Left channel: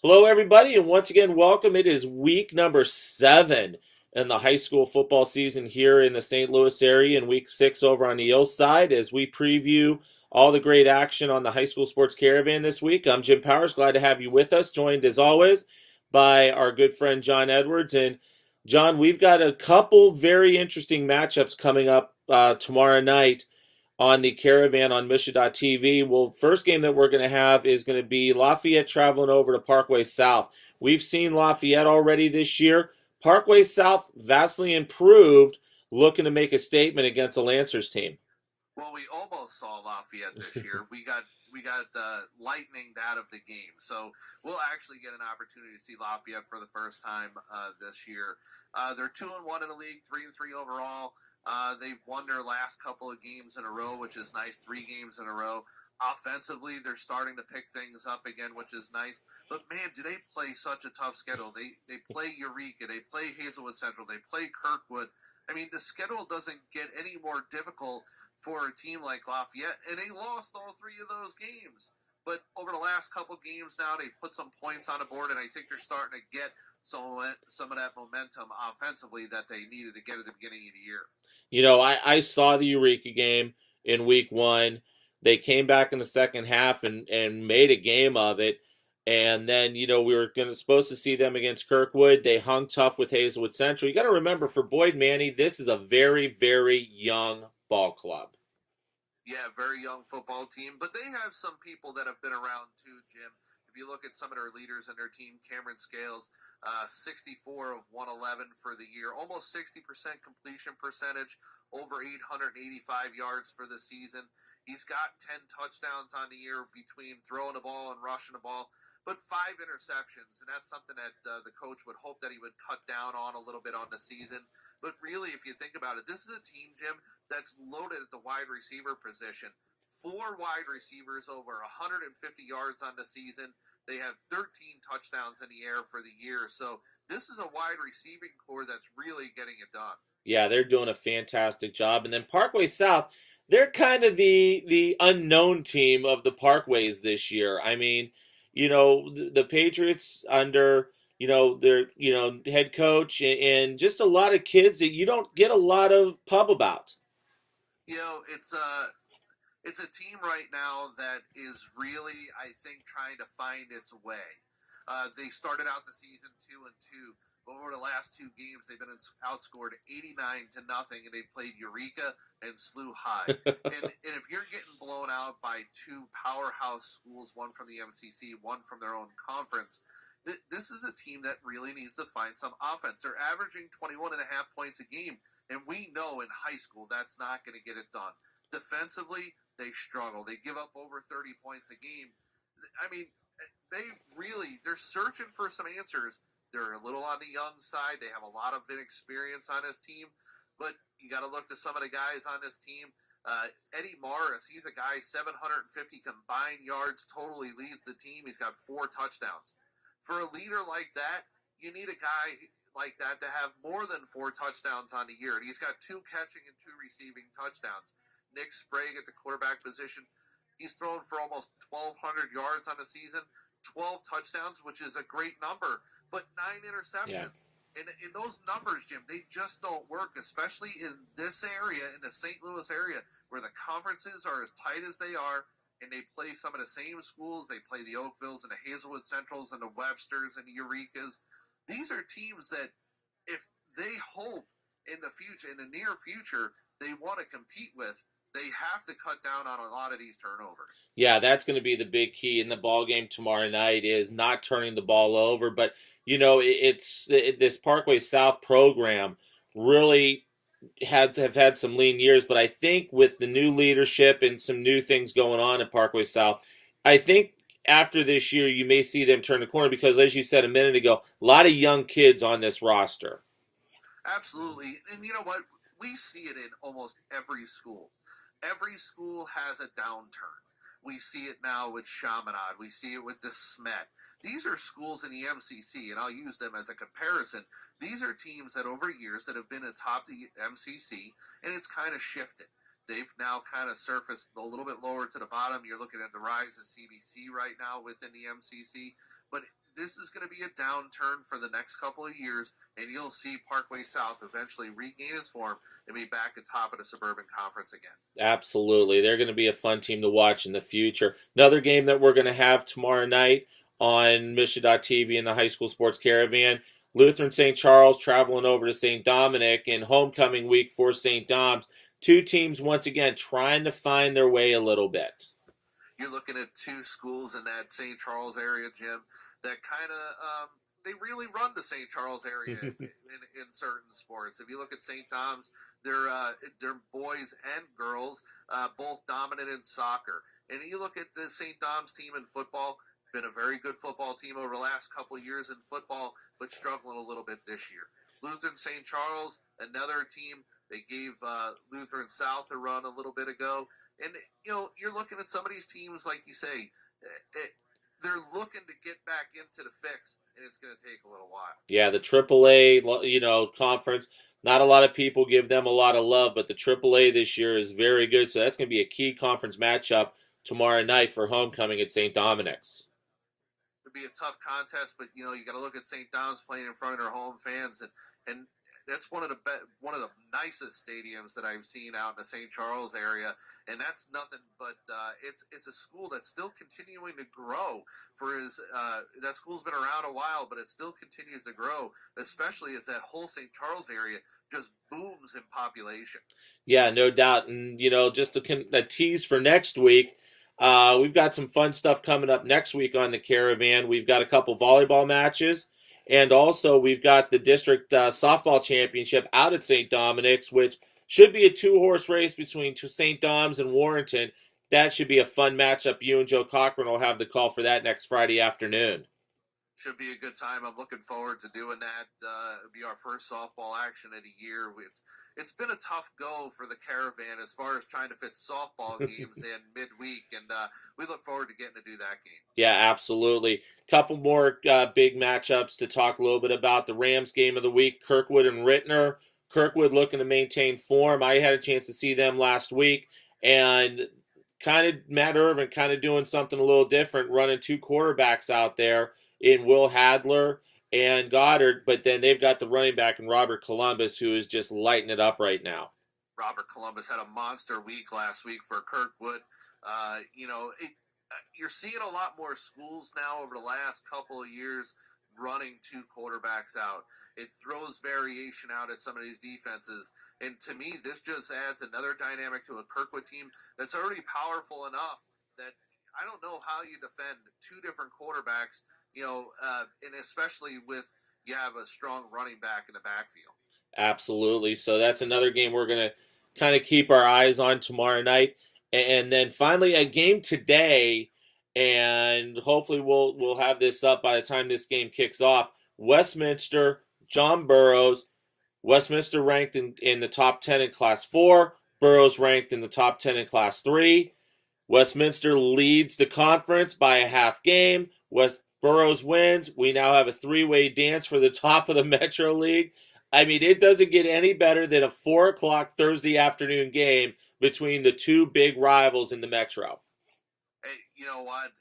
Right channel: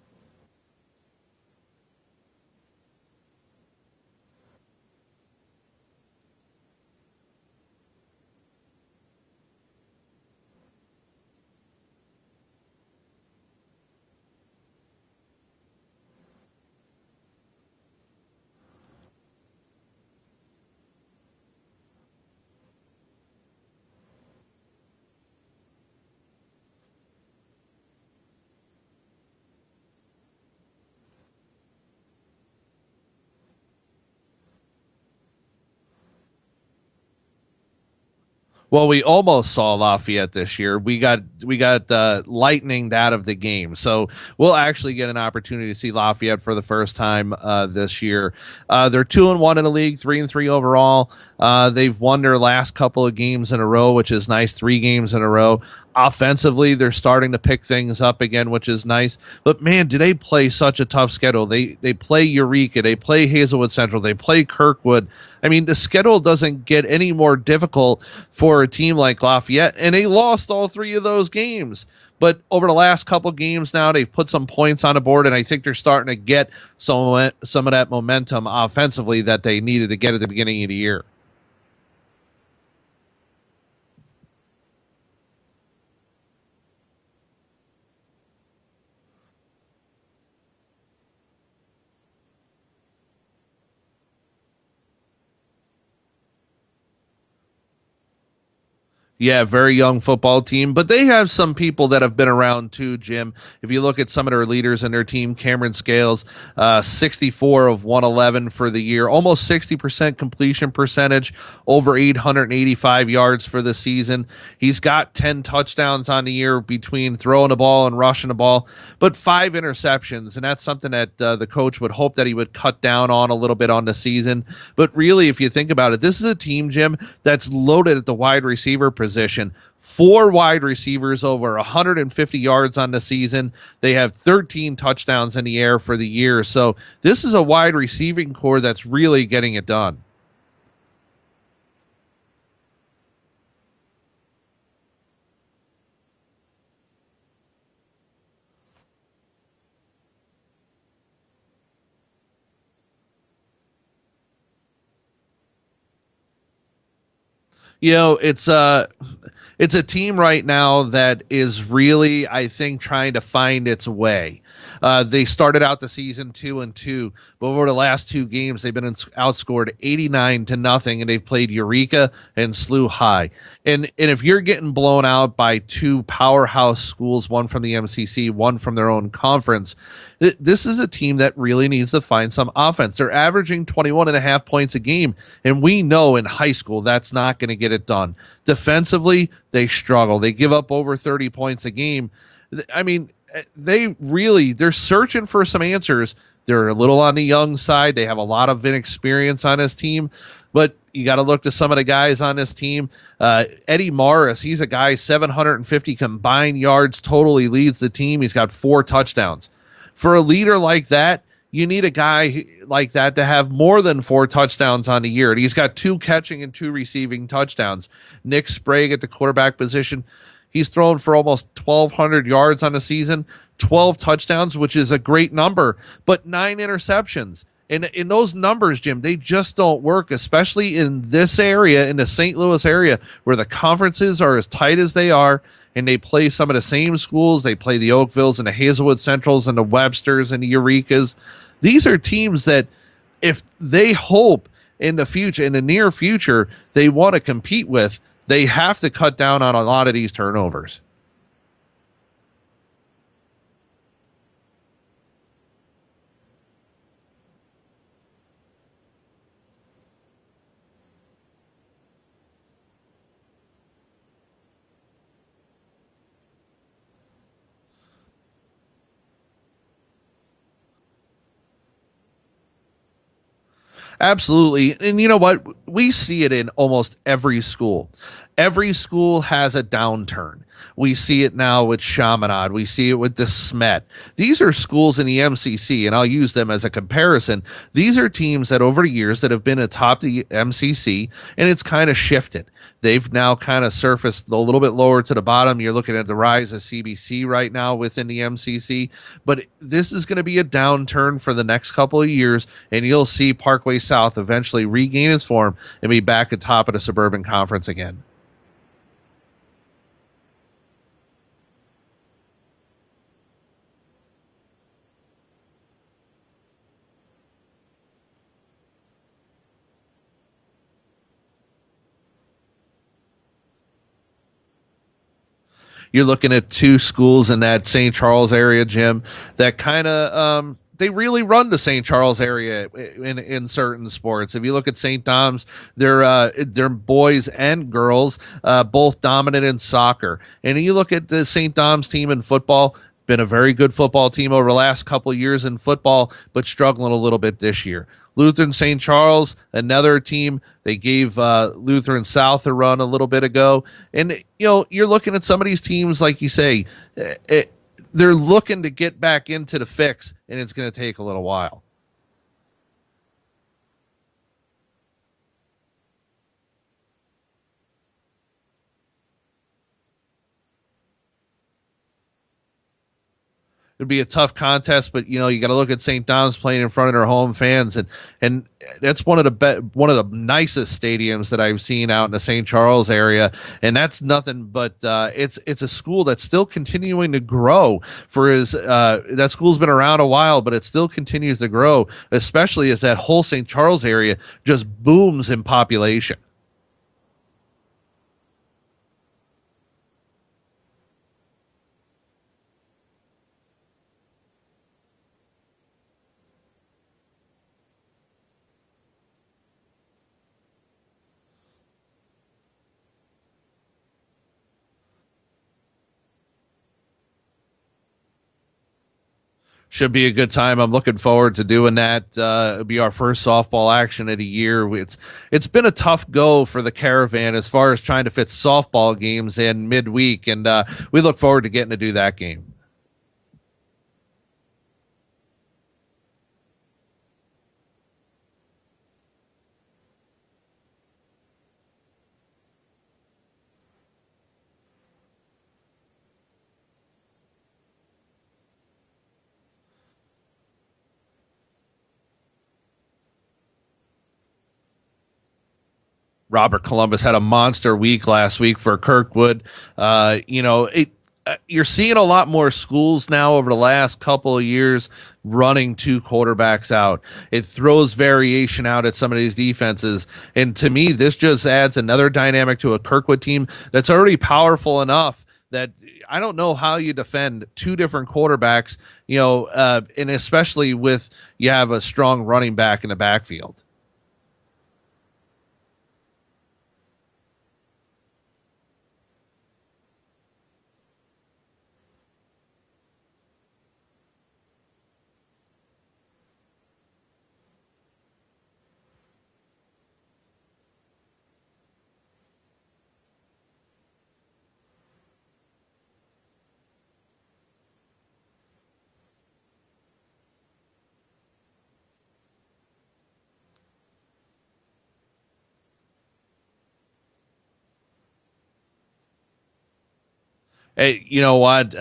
Hello, everybody, and once again, welcome. It is week number 7 in the high school football season here in the St. Louis area, and week 6 over on the East side as we preview all the great action on the high school sports caravan this week. I'm Jim Powers, glad to have you with us, joined as always by our good friend John Edwards. And John, we've got a couple very interesting matchups coming up tomorrow night on the Caravan on Mission.tv. Well, first game that we're going to have is going to be Lafayette traveling over to Parkway South. We've seen Lafayette already this year. Parkway South vastly improved, looking to make a statement against the Lancers team. Well, we almost saw Lafayette this year. We got lightning out of the game, so we'll actually get an opportunity to see Lafayette for the first time this year. They're 2-1 in the league, 3-3 overall. They've won their last couple of games in a row, which is nice. 3 games in a row. Offensively, they're starting to pick things up again, which is nice. But man, do they play such a tough schedule? They play Eureka, they play Hazelwood Central, they play Kirkwood. I mean, the schedule doesn't get any more difficult for a team like Lafayette, and they lost all 3 of those games. But over the last couple games now, they've put some points on the board, and I think they're starting to get some of that momentum offensively that they needed to get at the beginning of the year. You know, I saw the Eureka game in week 1. They came back in the second half and made a game of it. And then, we were supposed to see them against Kirkwood. They hung tough with Hazelwood Central. You got to remember, for Boyd Manny, this is a very, very young ball club. Yeah, very young football team, but they have some people that have been around too, Jim. If you look at some of their leaders in their team, Cameron Scales, 64 of 111 for the year, almost 60% completion percentage, over 885 yards for the season. He's got 10 touchdowns on the year between throwing the ball and rushing the ball, but 5 interceptions, and that's something that the coach would hope that he would cut down on a little bit on the season. But really, if you think about it, this is a team, Jim, that's loaded at the wide receiver position. 4 wide receivers over 150 yards on the season. They have 13 touchdowns in the air for the year. So this is a wide receiving core that's really getting it done. Yeah, they're doing a fantastic job. And then Parkway South, they're kind of the unknown team of the Parkways this year. I mean, the Patriots under their head coach and just a lot of kids that you don't get a lot of pub about. You know, it's a team right now that is really, I think, trying to find its way. They started out the season 2-2, but over the last 2 games, they've been outscored 89-0, and they've played Eureka and SLU High. And if you're getting blown out by 2 powerhouse schools, one from the MCC, one from their own conference, this is a team that really needs to find some offense. They're averaging 21 and a half points a game, and we know in high school that's not going to get it done. Defensively, they struggle. They give up over 30 points a game. I mean, they're searching for some answers. They're a little on the young side. They have a lot of inexperience on this team, but you got to look to some of the guys on this team. Eddie Morris, he's a guy, 750 combined yards total. He leads the team. He's got 4 touchdowns. For a leader like that, you need a guy like that to have more than 4 touchdowns on the year. And he's got 2 catching and 2 receiving touchdowns. Nick Sprague at the quarterback position, he's thrown for almost 1,200 yards on the season, 12 touchdowns, which is a great number, but 9 interceptions. And in those numbers, Jim, they just don't work, especially in this area, in the St. Louis area, where the conferences are as tight as they are, and they play some of the same schools. They play the Oakvilles and the Hazelwood Centrals and the Websters and the Eurekas. These are teams that, if they hope in the future, in the near future, they want to compete with, they have to cut down on a lot of these turnovers. Yeah, that's going to be the big key in the ball game tomorrow night is not turning the ball over. But this Parkway South program really have had some lean years, but I think with the new leadership and some new things going on at Parkway South, I think after this year you may see them turn the corner because, as you said a minute ago, a lot of young kids on this roster. Absolutely. And you know what? We see it in almost every school. Every school has a downturn. We see it now with Chaminade. We see it with the Smet. These are schools in the MCC, and I'll use them as a comparison. These are teams that over the years that have been atop the MCC, and it's kind of shifted. They've now kind of surfaced a little bit lower to the bottom. You're looking at the rise of CBC right now within the MCC, but this is going to be a downturn for the next couple of years, and you'll see Parkway South eventually regain its form and be back at top of the Suburban Conference again. Absolutely. They're going to be a fun team to watch in the future. Another game that we're going to have tomorrow night on Misha.TV in the High School Sports Caravan. Lutheran St. Charles traveling over to St. Dominic in homecoming week for St. Dom's. Two teams, once again, trying to find their way a little bit. You're looking at two schools in that St. Charles area, Jim, that kind of they really run the St. Charles area in certain sports. If you look at St. Dom's, they're boys and girls both dominant in soccer. And you look at the St. Dom's team in football, been a very good football team over the last couple of years in football, but struggling a little bit this year. Lutheran St. Charles, another team. They gave Lutheran South a run a little bit ago. And, you're looking at some of these teams, like you say, they're looking to get back into the fix, and it's going to take a little while. Yeah, the AAA, conference, not a lot of people give them a lot of love, but the AAA this year is very good. So that's going to be a key conference matchup tomorrow night for homecoming at St. Dominic's. It'd be a tough contest, but you got to look at St. Dom's playing in front of their home fans, and that's one of the nicest stadiums that I've seen out in the St. Charles area, and that's nothing but it's a school that's still continuing to grow. That school's been around a while, but it still continues to grow, especially as that whole St. Charles area just booms in population. Yeah, no doubt, and just a tease for next week. We've got some fun stuff coming up next week on the Caravan. We've got a couple volleyball matches, and also we've got the district softball championship out at St. Dominic's, which should be a two-horse race between St. Dom's and Warrenton. That should be a fun matchup. You and Joe Cochran will have the call for that next Friday afternoon. Should be a good time. I'm looking forward to doing that. It'll be our first softball action of the year. It's been a tough go for the Caravan as far as trying to fit softball games in midweek, and we look forward to getting to do that game. Yeah, absolutely. Couple more big matchups to talk a little bit about. The Rams game of the week, Kirkwood and Rittner. Kirkwood looking to maintain form. I had a chance to see them last week, and kind of Matt Irvin kind of doing something a little different, running two quarterbacks out there in Will Hadler and Goddard, but then they've got the running back in Robert Columbus, who is just lighting it up right now. Robert Columbus had a monster week last week for Kirkwood. You're seeing a lot more schools now over the last couple of years running two quarterbacks out. It throws variation out at some of these defenses. And to me, this just adds another dynamic to a Kirkwood team that's already powerful enough that I don't know how you defend two different quarterbacks, and especially with you have a strong running back in the backfield. Absolutely. So that's another game we're going to kind of keep our eyes on tomorrow night. And then finally a game today, and hopefully we'll have this up by the time this game kicks off. Westminster, John Burroughs. Westminster ranked in the top 10 in Class 4. Burroughs ranked in the top 10 in Class 3. Westminster leads the conference by a half game. Burroughs wins. We now have a three-way dance for the top of the Metro League. I mean, it doesn't get any better than a 4 o'clock Thursday afternoon game between the two big rivals in the Metro. Hey, you know what,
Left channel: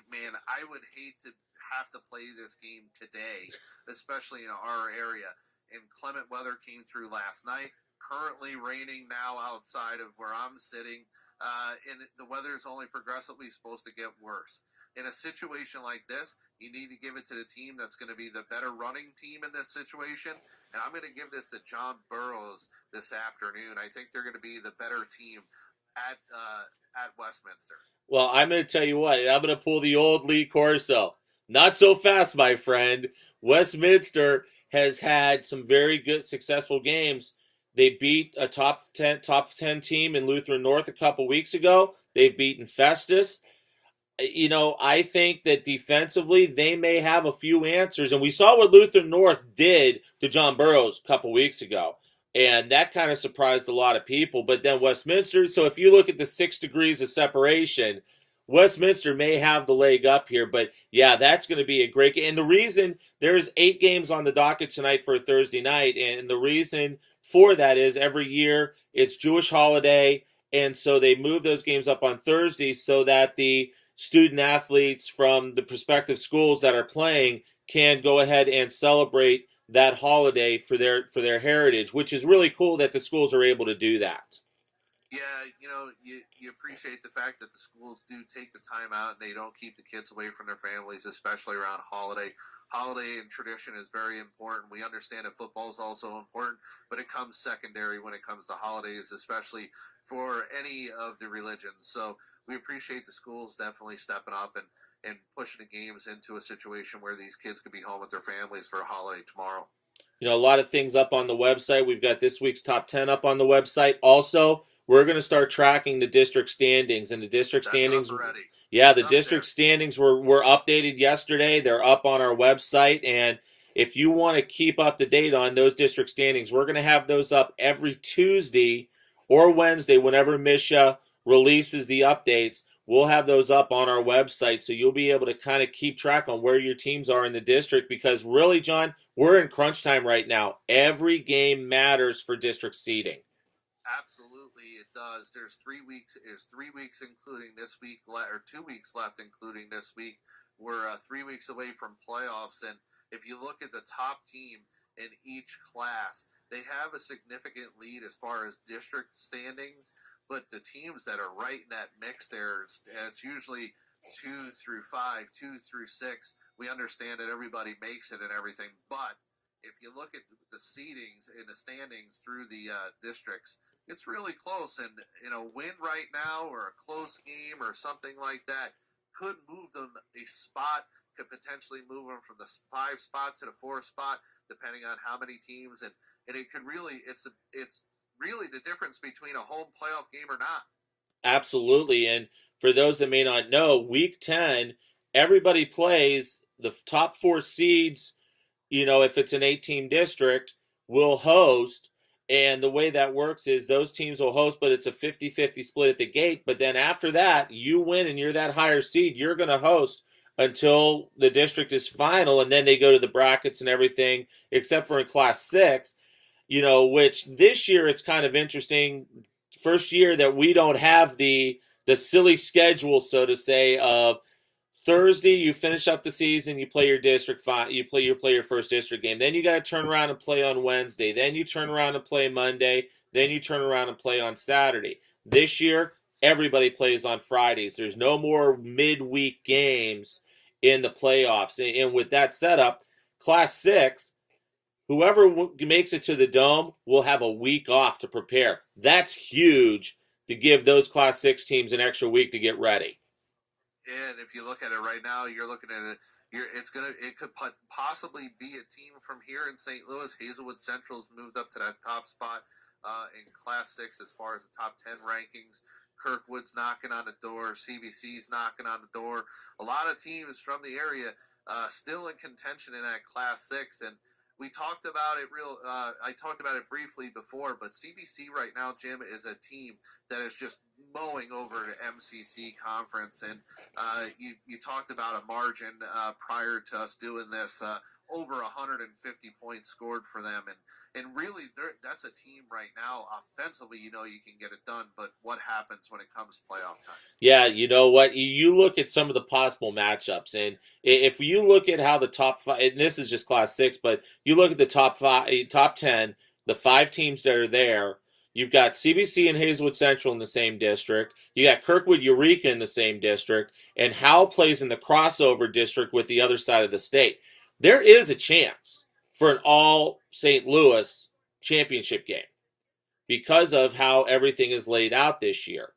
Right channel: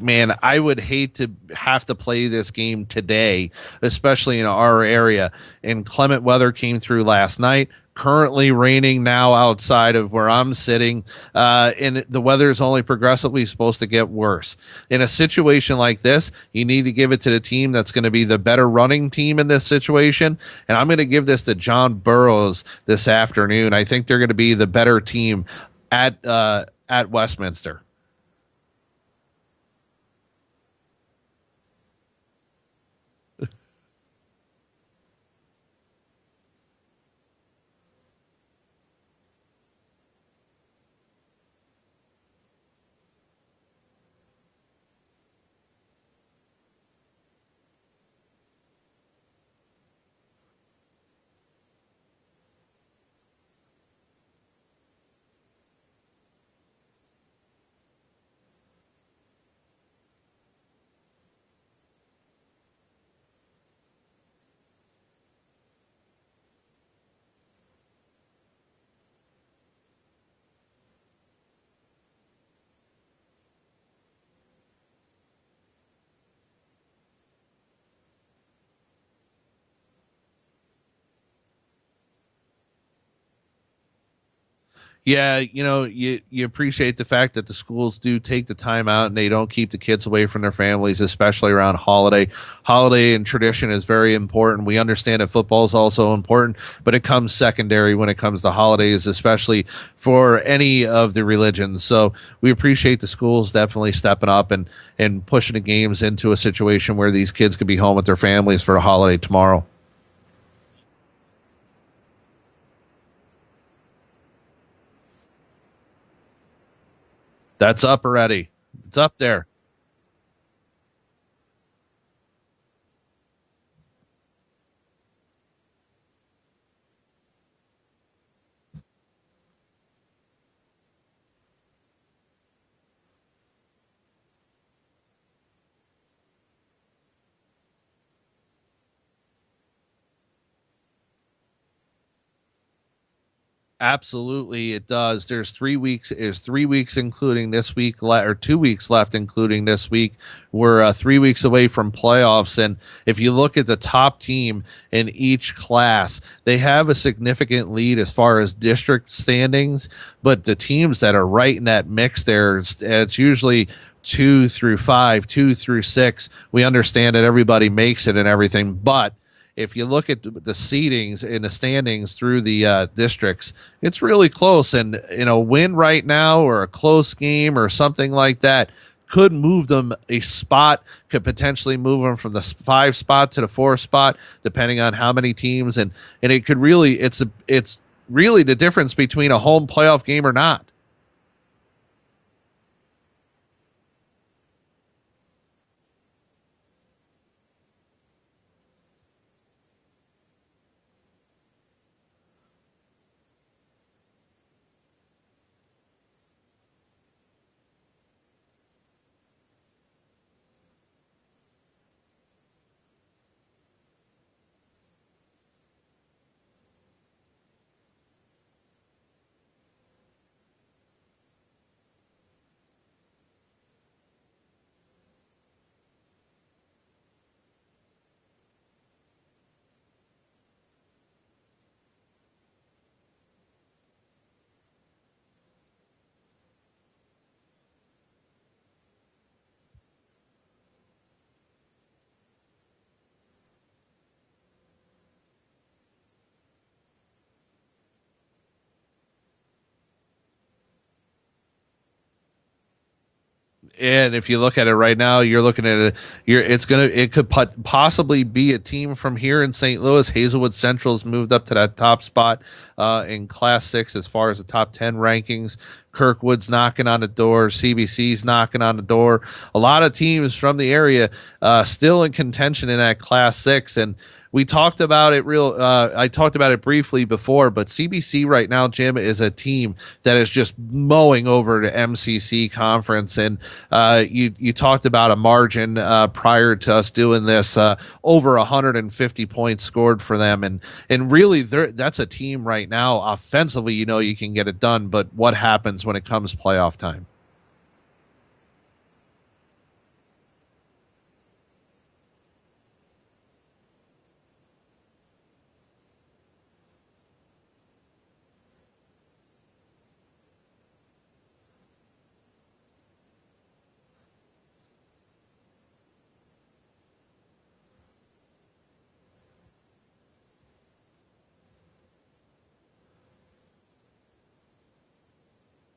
man, I would hate to have to play this game today, especially in our area. And clement weather came through last night. Currently raining now outside of where I'm sitting, and the weather is only progressively supposed to get worse. In a situation like this, you need to give it to the team that's going to be the better running team in this situation, and I'm going to give this to John Burroughs this afternoon. I think they're going to be the better team at Westminster. Well, I'm going to tell you what, I'm going to pull the old Lee Corso. Not so fast, my friend. Westminster has had some very good, successful games. They beat a top 10 team in Lutheran North a couple weeks ago. They've beaten Festus. I think that defensively they may have a few answers. And we saw what Lutheran North did to John Burroughs a couple weeks ago. And that kind of surprised a lot of people. But then Westminster, so if you look at the 6 degrees of separation, Westminster may have the leg up here. But yeah, that's going to be a great game. And the reason there's 8 games on the docket tonight for a Thursday night. And the reason for that is every year it's Jewish holiday, and so they move those games up on Thursday so that the student athletes from the prospective schools that are playing can go ahead and celebrate that holiday for their heritage, which is really cool that the schools are able to do that. Yeah, you appreciate the fact that the schools do take the time out and they don't keep the kids away from their families, especially around holiday. Holiday and tradition is very important. We understand that football is also important, but it comes secondary when it comes to holidays, especially for any of the religions. So we appreciate the schools definitely stepping up and pushing the games into a situation where these kids could be home with their families for a holiday tomorrow. A lot of things up on the website. We've got this week's top 10 up on the website. Also, we're going to start tracking the district standings, and the district That's up standings. already. Yeah, It's the up district there. standings were updated yesterday. They're up on our website, and if you want to keep up to date on those district standings, we're going to have those up every Tuesday or Wednesday whenever Misha releases the updates. We'll have those up on our website, so you'll be able to kind of keep track on where your teams are in the district, because really, John, we're in crunch time right now. Every game matters for district seeding. Absolutely, it does. There's 3 weeks. There's 3 weeks, including this week, or 2 weeks left, including this week. We're 3 weeks away from playoffs, and if you look at the top team in each class, they have a significant lead as far as district standings. But the teams that are right in that mix, there, it's usually 2 through 5, 2 through 6. We understand that everybody makes it and everything, but if you look at the seedings in the standings through the districts, it's really close. And win right now or a close game or something like that could move them a spot, could potentially move them from the 5 spot to the 4 spot, depending on how many teams. And it could really, it's really the difference between a home playoff game or not. Absolutely. And for those that may not know, week 10, everybody plays the top four seeds. If it's an 8-team district, will host. And the way that works is those teams will host, but it's a 50-50 split at the gate. But then after that, you win and you're that higher seed, you're going to host until the district is final. And then they go to the brackets and everything, except for in Class 6, which this year it's kind of interesting. First year that we don't have the silly schedule, so to say, of Thursday, you finish up the season, you play your district you play your first district game. Then you got to turn around and play on Wednesday. Then you turn around and play Monday. Then you turn around and play on Saturday. This year, everybody plays on Fridays. There's no more midweek games in the playoffs. And with that setup, Class 6, whoever makes it to the Dome will have a week off to prepare. That's huge to give those Class 6 teams an extra week to get ready. And if you look at it right now, you're looking at it. It could possibly be a team from here in St. Louis. Hazelwood Central's moved up to that top spot in Class 6 as far as the top 10 rankings. Kirkwood's knocking on the door. CBC's knocking on the door. A lot of teams from the area still in contention in that Class 6, and we talked about it I talked about it briefly before, but CBC right now, Jim, is a team that is just mowing over the MCC conference. And you talked about a margin prior to us doing this, over 150 points scored for them. And really, that's a team right now. Offensively, you can get it done. But what happens when it comes playoff time? Yeah, you know what? You look at some of the possible matchups, and if you look at how the top five, and this is just Class 6, but you look at the top 10, the 5 teams that are there. You've got CBC and Hazelwood Central in the same district. You got Kirkwood Eureka in the same district, and Howell plays in the crossover district with the other side of the state. There is a chance for an all St. Louis championship game because of how everything is laid out this year.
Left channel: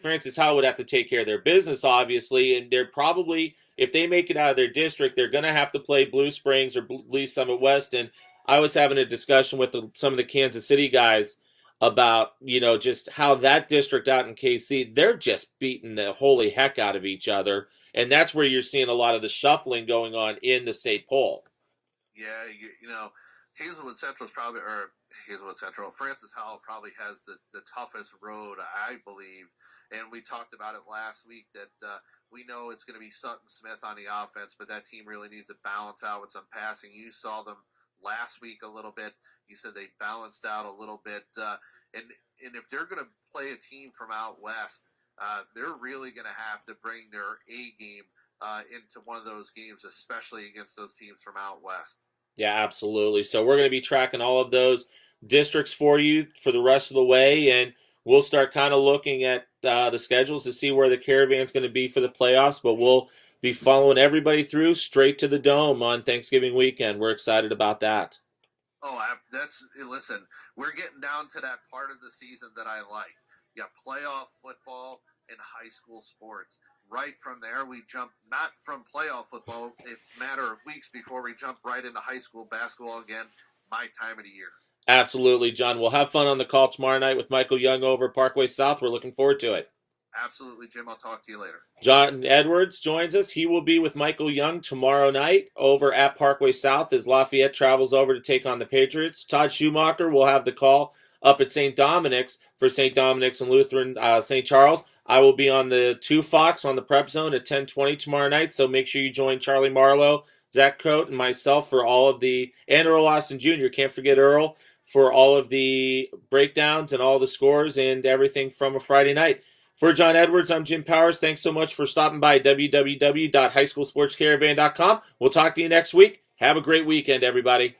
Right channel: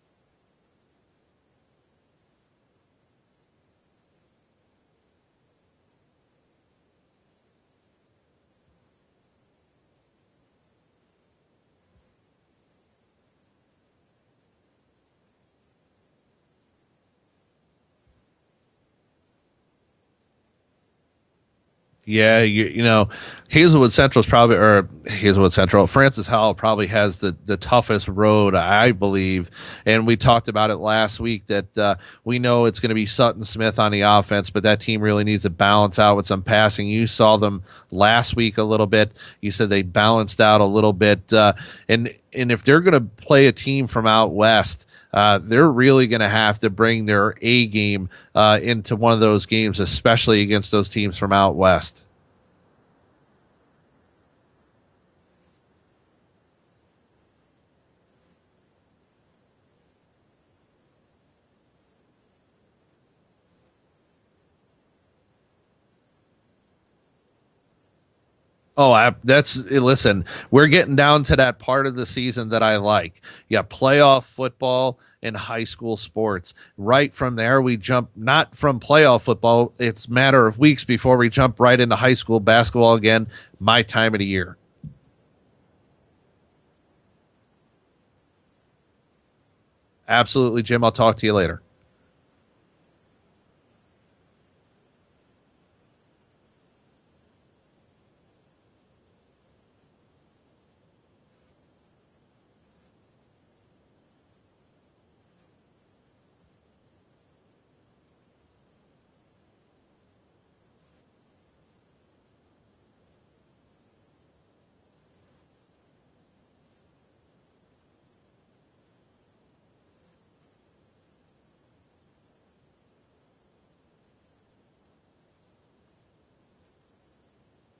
Francis Howell would have to take care of their business, obviously, and they're probably, if they make it out of their district, they're going to have to play Blue Springs or Lee Summit West. And I was having a discussion with some of the Kansas City guys about, just how that district out in KC, they're just beating the holy heck out of each other. And that's where you're seeing a lot of the shuffling going on in the state poll. Yeah, you know, Hazelwood Central is probably, or Hazelwood Central, Francis Howell probably has the toughest road, I believe. And we talked about it last week that we know it's going to be Sutton Smith on the offense, but that team really needs to balance out with some passing. You saw them last week a little bit. You said they balanced out a little bit, and if they're going to play a team from out west. They're really going to have to bring their A game into one of those games, especially against those teams from out west. Yeah, absolutely. So we're going to be tracking all of those districts for you for the rest of the way, and we'll start kind of looking at the schedules to see where the caravan's going to be for the playoffs. But we'll be following everybody through straight to the dome on Thanksgiving weekend. We're excited about that. Oh, listen, we're getting down to that part of the season that I like. Yeah, playoff football and high school sports. Right from there, we jump not from playoff football. It's a matter of weeks before we jump right into high school basketball again. My time of the year. Absolutely, John. We'll have fun on the call tomorrow night with Michael Young over at Parkway South. We're looking forward to it. Absolutely, Jim. I'll talk to you later. John Edwards joins us. He will be with Michael Young tomorrow night over at Parkway South as Lafayette travels over to take on the Patriots. Todd Schumacher will have the call up at St. Dominic's for St. Dominic's and Lutheran St. Charles. I will be on the 2 Fox on the Prep Zone at 10:20 tomorrow night, so make sure you join Charlie Marlowe, Zach Coate, and myself for all of the, and Earl Austin Jr., can't forget Earl, for all of the breakdowns and all the scores and everything from a Friday night. For John Edwards, I'm Jim Powers. Thanks so much for stopping by www.highschoolsportscaravan.com. We'll talk to you next week. Have a great weekend, everybody.